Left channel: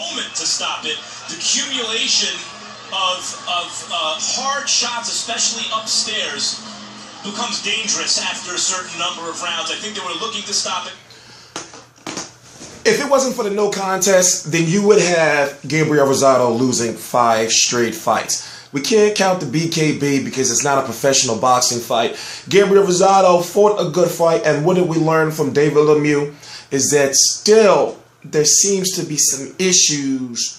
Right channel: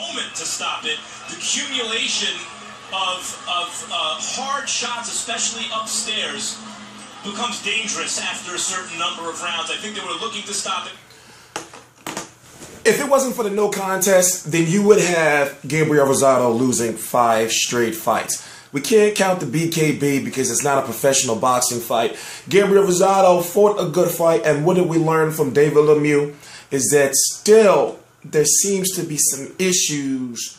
moment to stop it. The accumulation of hard shots, especially upstairs, becomes dangerous after a certain number of rounds. I think they were looking to stop it. If it wasn't for the no contest, then you would have Gabriel Rosado losing 5 straight fights. We can't count the BKB because it's not a professional boxing fight. Gabriel Rosado fought a good fight, and what did we learn from David Lemieux is that still there seems to be some issues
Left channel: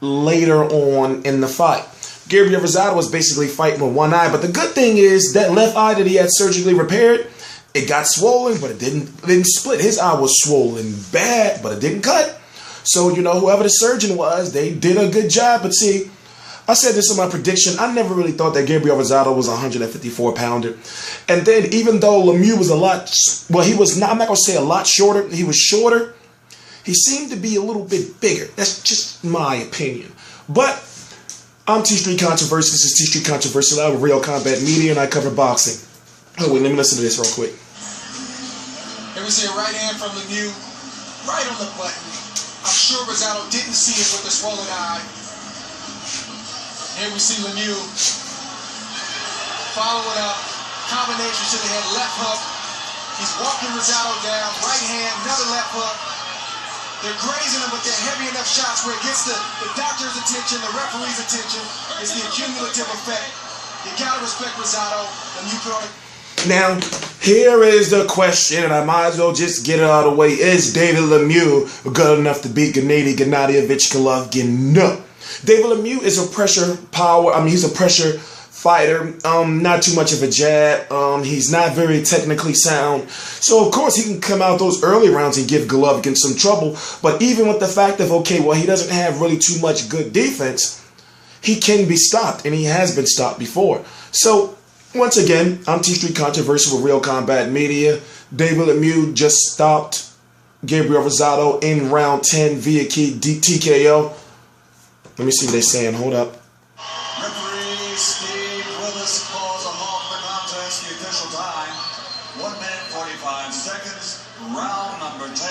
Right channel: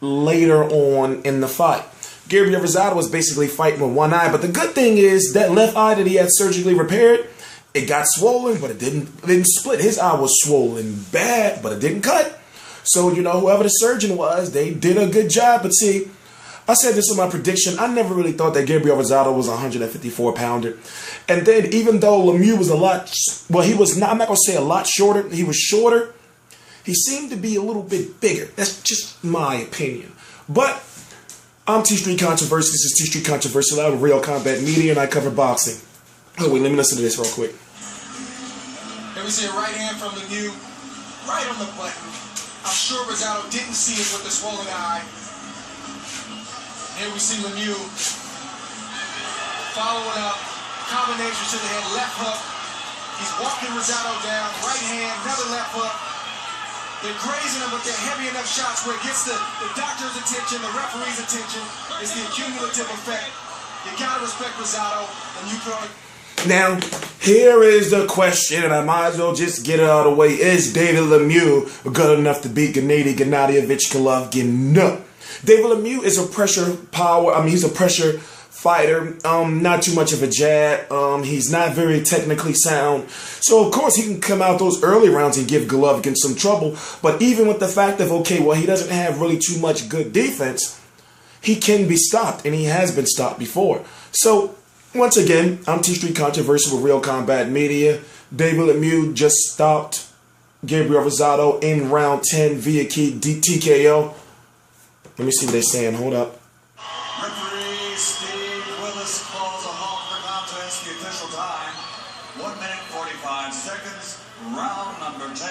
later on in the fight. Gabriel Rosado was basically fighting with one eye, but the good thing is that left eye that he had surgically repaired, it got swollen, but it didn't split. His eye was swollen bad, but it didn't cut. So, you know, whoever the surgeon was, they did a good job. But see, I said this in my prediction. I never really thought that Gabriel Rosado was a 154-pounder. And then even though Lemieux was a lot, well, he was not, I'm not going to say a lot shorter. He was shorter. He seemed to be a little bit bigger. That's just my opinion. But I'm T-Street Controversy. This is T-Street Controversy Live with Real Combat Media, and I cover boxing. Oh, wait, let me listen to this real quick. Here we see a right hand from Lemieux, right on the button. I'm sure Rosado didn't see it with the swollen eye. Here we see Lemieux following up, combination to the head, left hook. He's walking Rosado down, right hand, another left hook. They're grazing him, but they're heavy enough shots where it gets the doctor's attention, the referee's attention. It's the accumulative effect. You gotta respect Rosado, and you throw it. Now, here is the question, and I might as well just get it out of the way. Is David Lemieux good enough to beat Gennady Golovkin? No. David Lemieux is a pressure power. I mean, he's a pressure fighter. Not too much of a jab. He's not very technically sound. So, of course, he can come out those early rounds and give Golovkin some trouble. But even with the fact of, okay, well, he doesn't have really too much good defense, he can be stopped, and he has been stopped before. So, once again, I'm T-Street Controversy with Real Combat Media. David Lemieux just stopped Gabriel Rosado in round 10 via TKO. Let me see what they're saying. Hold up. Referee Steve Willis calls a halt for contest. The official time, 1 minute 45 seconds. Round number 10.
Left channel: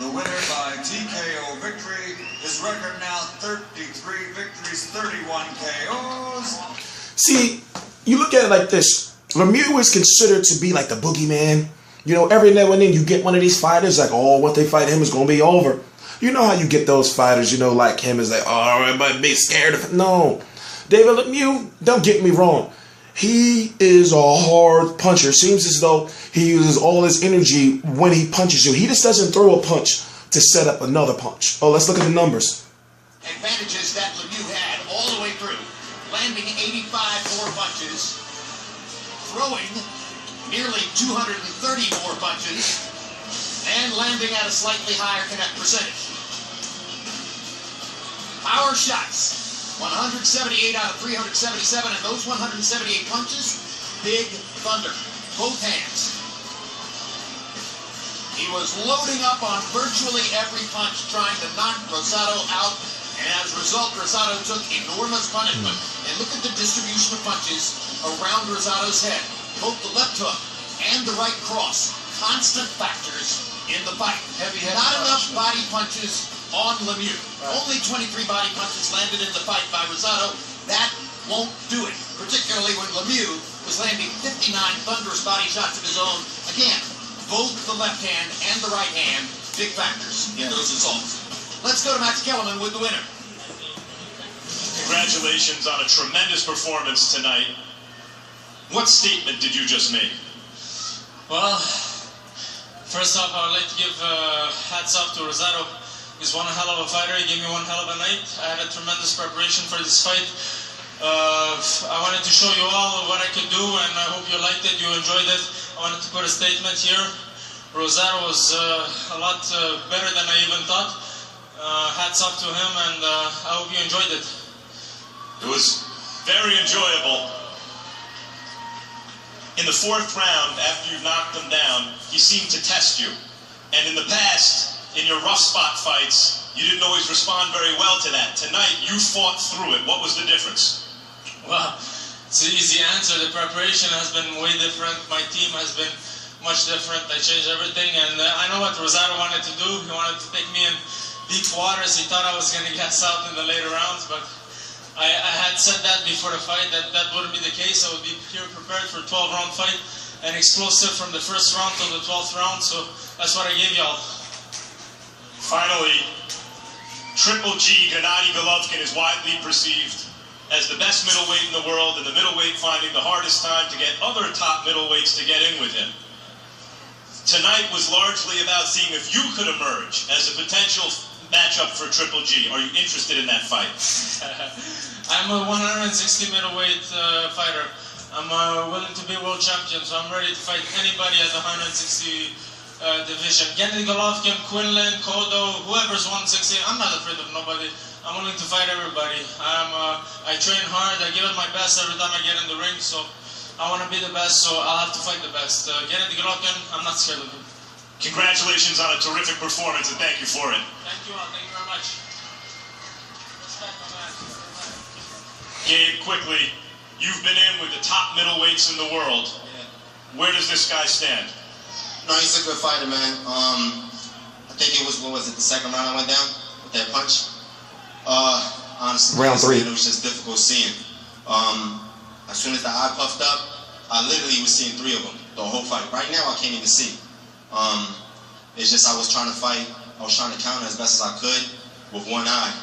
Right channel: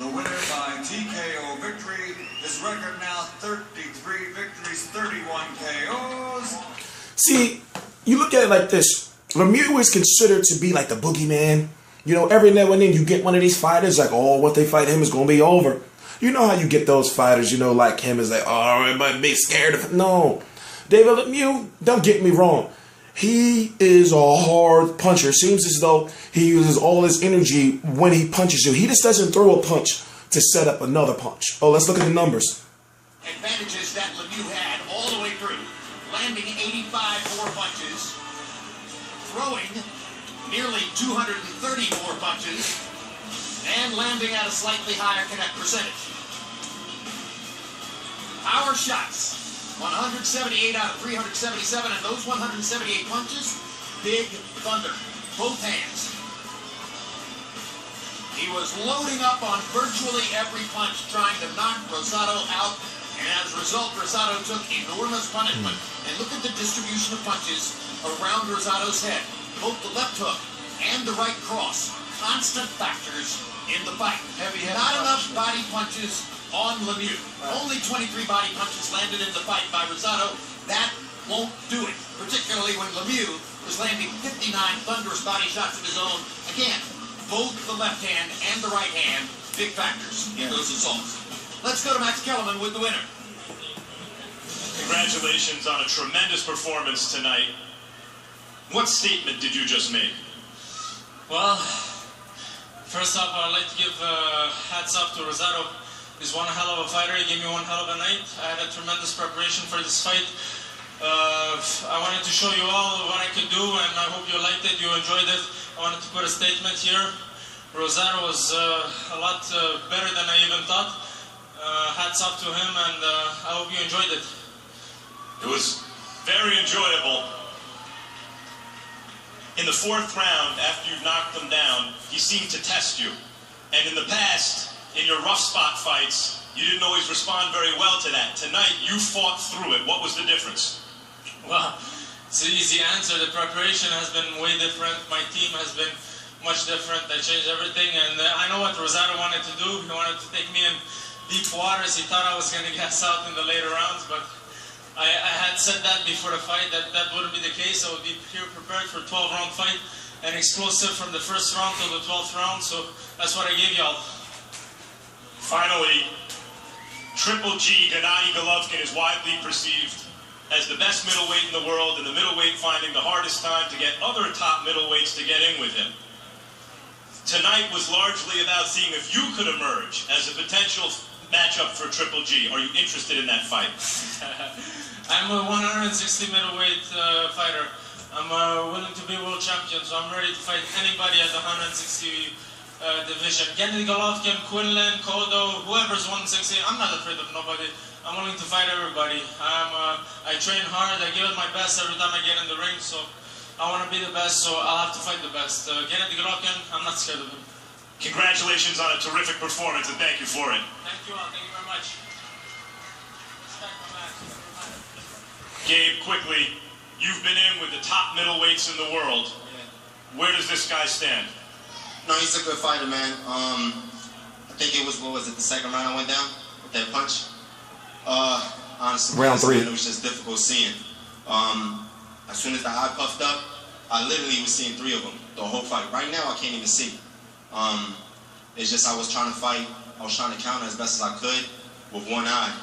The winner by TKO victory. His record now 33 victories, 31 KOs. See, you look at it like this. Lemieux is considered to be like the boogeyman. You know, every now and then you get one of these fighters like, oh, what they fight him is going to be over. You know how you get those fighters, you know, like him is like, oh, everybody be scared of him. No. David Lemieux, don't get me wrong. He is a hard puncher. Seems as though he uses all his energy when he punches you. He just doesn't throw a punch to set up another punch. Oh, let's look at the numbers. Advantages that Lemieux had all the way through. Landing 85 more punches, throwing nearly 230 more punches, and landing at a slightly higher connect percentage. Power shots, 178 out of 377, and those 178 punches, big thunder, both hands. He was loading up on virtually every punch, trying to knock Rosado out. And as a result, Rosado took enormous punishment. And look at the distribution of punches around Rosado's head. Both the left hook and the right cross, constant factors in the fight. Not enough body punches on Lemieux. Only 23 body punches landed in the fight by Rosado. That won't do it, particularly when Lemieux was landing 59 thunderous body shots of his own. Again, both the left hand and the right hand, big factors in those assaults. Let's go to Max Kellerman with the winner. Congratulations on a tremendous performance tonight. What statement did you just make? Well, first off, I would like to give hats off to Rosado. He's one hell of a fighter. He gave me one hell of a night. I had a tremendous preparation for this fight. I wanted to show you all what I could do, and I hope you liked it, you enjoyed it. I wanted to put a statement here. Rosado was a lot better than I even thought. Hats off to him, and I hope you enjoyed it. It was very enjoyable. In the 4th round, after you knocked him down, he seemed to test you. And in the past, in your rough spot fights, you didn't always respond very well to that. Tonight, you fought through it. What was the difference? Well, it's an easy answer. The preparation has been way different. My team has been much different. I changed everything, and I know what Rosado wanted to do. He wanted to take me in deep waters. He thought I was going to gas out in the later rounds, but I had said that before the fight, that wouldn't be the case. I would be here prepared for a 12-round fight and explosive from the first round till the 12th round, so that's what I gave y'all. Finally, Triple G, Gennady Golovkin, is widely perceived as the best middleweight in the world, and the middleweight finding the hardest time to get other top middleweights to get in with him. Tonight was largely about seeing if you could emerge as a potential matchup for Triple G. Are you interested in that fight? I'm a 160 middleweight fighter. I'm willing to be world champion, so I'm ready to fight anybody at the 160 division. Gennady Golovkin, Quinlan, Cotto, whoever's 160, I'm not afraid of nobody. I'm willing to fight everybody. I train hard, I give it my best every time I get in the ring, so I want to be the best, so I'll have to fight the best. Gennady Golovkin, I'm not scared of him. Congratulations on a terrific performance, and thank you for it. Thank you all, thank you very much. Gabe, quickly, you've been in with the top middleweights in the world. Where does this guy stand? No, he's a good fighter, man. I think it was, what was it, the second round I went down with that punch? Honestly, round 3. It was just difficult seeing. As soon as the eye puffed up, I literally was seeing 3 of them the whole fight. Right now, I can't even see. It's just I was trying to fight. I was trying to counter as best as I could with one eye.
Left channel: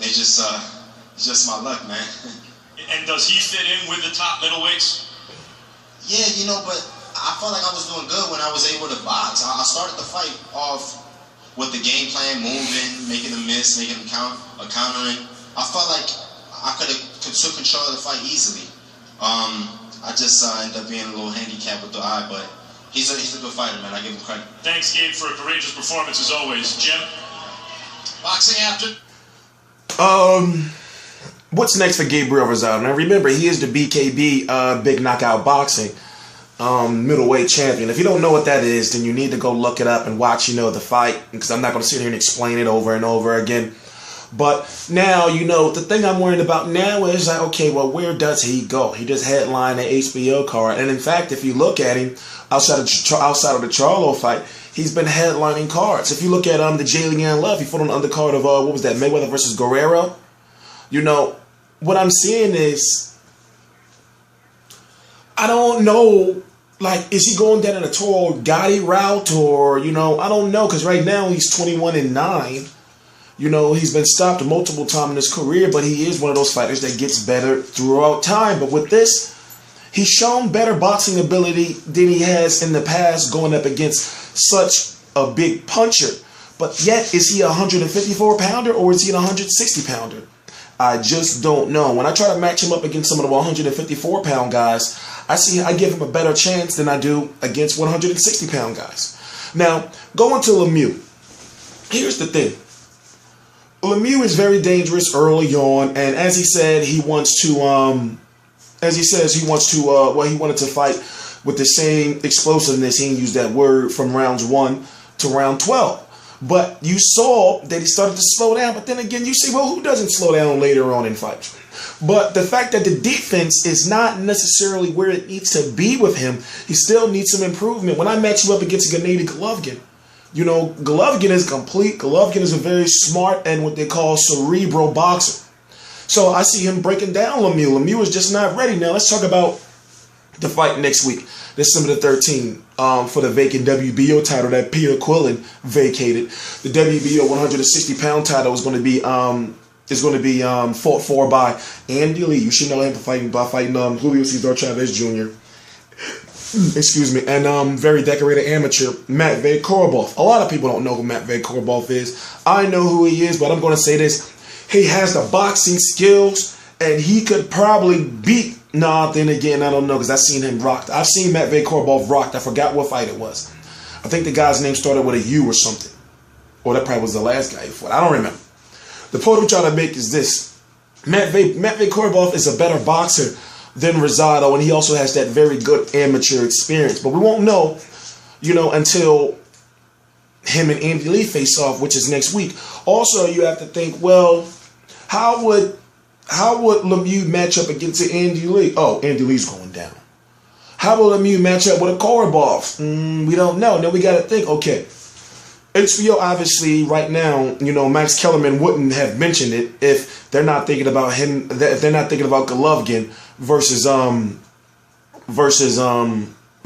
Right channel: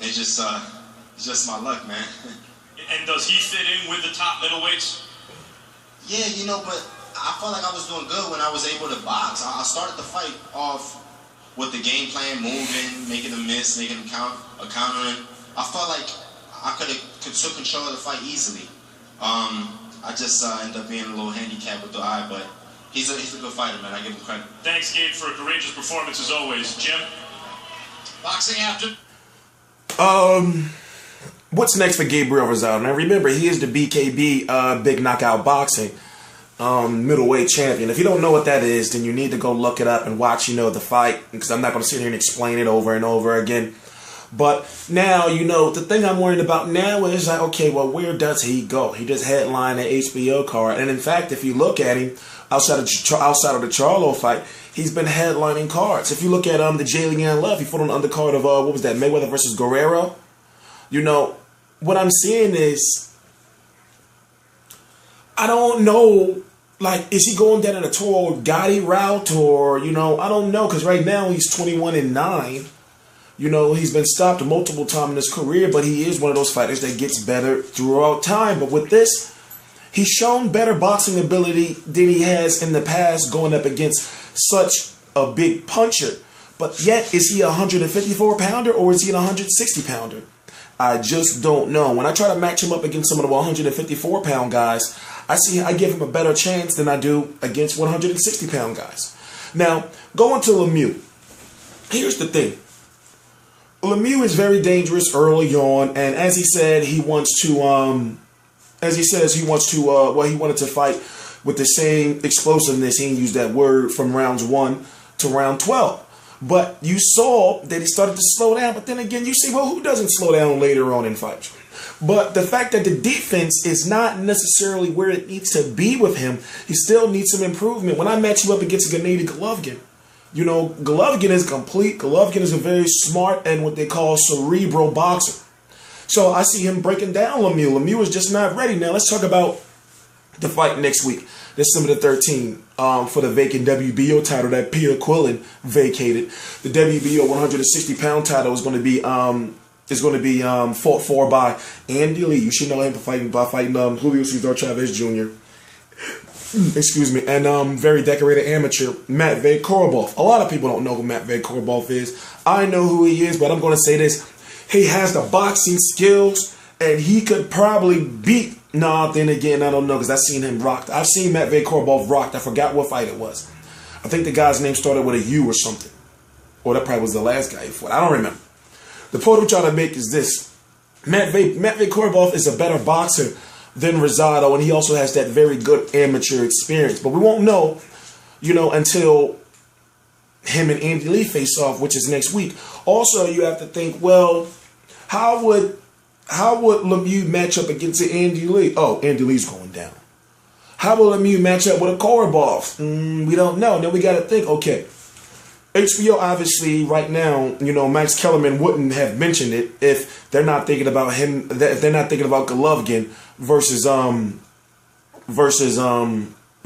It's just my luck, man. And does he fit in with the top middleweights? Yeah, you know, but I felt like I was doing good when I was able to box. I started the fight off with the game plan, moving, making them miss, making them countering. I felt like I could have took control of the fight easily. I just ended up being a little handicapped with the eye, but he's a good fighter, man. I give him credit. Thanks, Gabe, for a courageous performance as always. Jim? Boxing after. What's next for Gabriel Rosado? Now remember, he is the BKB Big Knockout Boxing middleweight champion. If you don't know what that is, then you need to go look it up and watch, the fight, because I'm not going to sit here and explain it over and over again. But now, the thing I'm worried about now is like, okay, well, where does he go? He just headlined the HBO card, and in fact, if you look at him outside of the Charlo fight, he's been headlining cards. If you look at the Jalen Love, he fought on the undercard of what was that, Mayweather versus Guerrero. What I'm seeing is, I don't know, like, is he going down in a Toro Gotti route, or, I don't know, because right now he's 21-9. He's been stopped multiple times in his career, but he is one of those fighters that gets better throughout time. But with this, he's shown better boxing ability than he has in the past going up against such a big puncher. But yet, is he a 154-pounder or is he a 160-pounder? I just don't know. When I try to match him up against some of the 154-pound guys, I give him a better chance than I do against 160-pound guys. Now, going to Lemieux. Here's the thing. Lemieux is very dangerous early on, and as he said, he wanted to fight with the same explosiveness. He didn't use that word from rounds 1 to round 12. But you saw that he started to slow down. But then again, you say, well, who doesn't slow down later on in fights? But the fact that the defense is not necessarily where it needs to be with him, he still needs some improvement. When I match you up against Gennady Golovkin, Golovkin is complete. Golovkin is a very smart and what they call cerebral boxer. So I see him breaking down Lemieux. Lemieux is just not ready. Now let's talk about the fight next week, December the 13th, for the vacant WBO title that Peter Quillen vacated. The WBO 160-pound title is going to be fought for by Andy Lee. You should know him by fighting Julio Cesar Chavez Jr. Excuse me, and very decorated amateur Matvey Korobov. A lot of people don't know who Matvey Korobov is. I know who he is, but I'm going to say this: he has the boxing skills, and he could probably beat. Then again, I don't know, because I've seen him rocked. I've seen Matvey Korobov rocked. I forgot what fight it was. I think the guy's name started with a U or something. Or that probably was the last guy he fought. I don't remember. The point I'm trying to make is this. Matvey Korobov is a better boxer than Rosado, and he also has that very good amateur experience. But we won't know, until him and Andy Lee face off, which is next week. Also, you have to think, well, how would Lemieux match up against Andy Lee? Oh, Andy Lee's going down. How will Lemieux match up with a Korobov? We don't know. Then we got to think, okay, HBO obviously right now, you know, Max Kellerman wouldn't have mentioned it if they're not thinking about him. If they're not thinking about Golovkin versus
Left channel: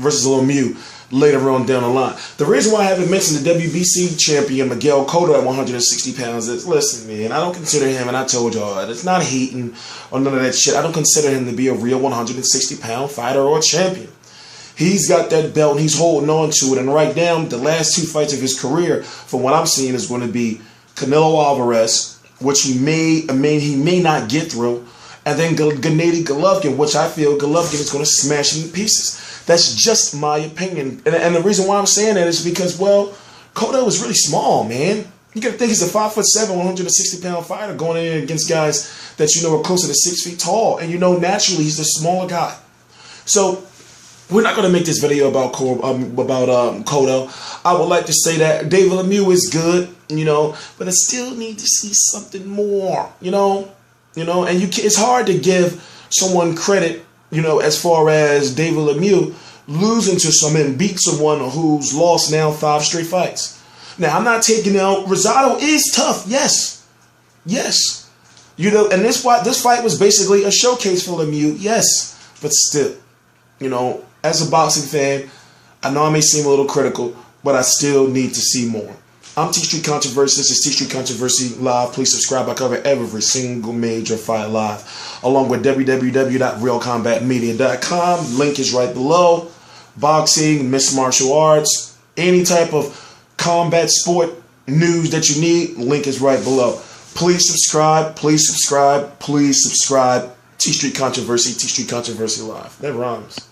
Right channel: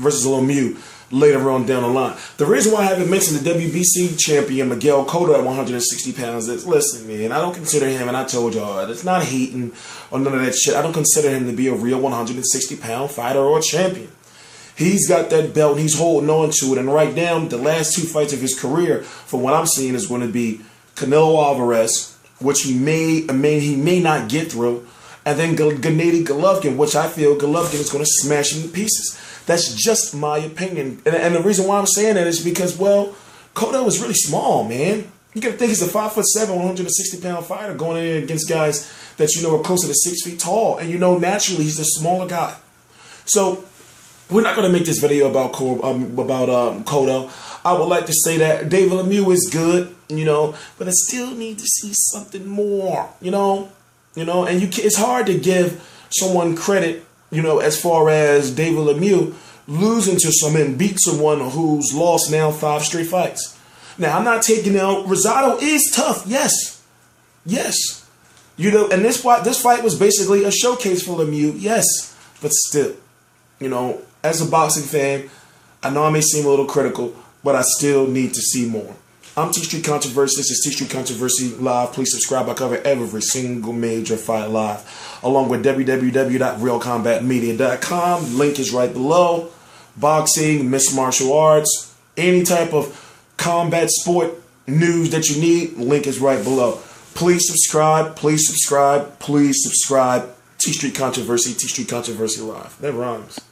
Lemieux later on down the line. The reason why I haven't mentioned the WBC champion Miguel Cotto at 160 pounds is, listen, man, I don't consider him, and I told y'all, it's not hating or none of that shit. I don't consider him to be a real 160-pound fighter or champion. He's got that belt and he's holding on to it. And right now, the last 2 fights of his career, from what I'm seeing, is going to be Canelo Alvarez, which he may not get through, and then Gennady Golovkin, which I feel Golovkin is going to smash him to pieces. That's just my opinion. And the reason why I'm saying that is because, well, Cotto is really small, man. You got to think he's a 5'7", 160-pound fighter going in against guys that you know are closer to 6 feet tall. And you know, naturally, he's a smaller guy. So we're not going to make this video about Cotto. I would like to say that David Lemieux is good, you know, but I still need to see something more, you know, and it's hard to give someone credit, you know, as far as David Lemieux losing to someone and beat someone who's lost now 5 straight fights. Now, I'm not taking out, Rosado is tough, yes, you know, and this fight was basically a showcase for Lemieux, yes, but still, you know, as a boxing fan, I know I may seem a little critical, but I still need to see more. I'm T Street Controversy. This is T Street Controversy Live. Please subscribe. I cover every single major fight live, along with www.realcombatmedia.com. Link is right below. Boxing, mixed martial arts, any type of combat sport news that you need, link is right below. Please subscribe. Please subscribe. Please subscribe. T Street Controversy. T Street Controversy Live. That rhymes.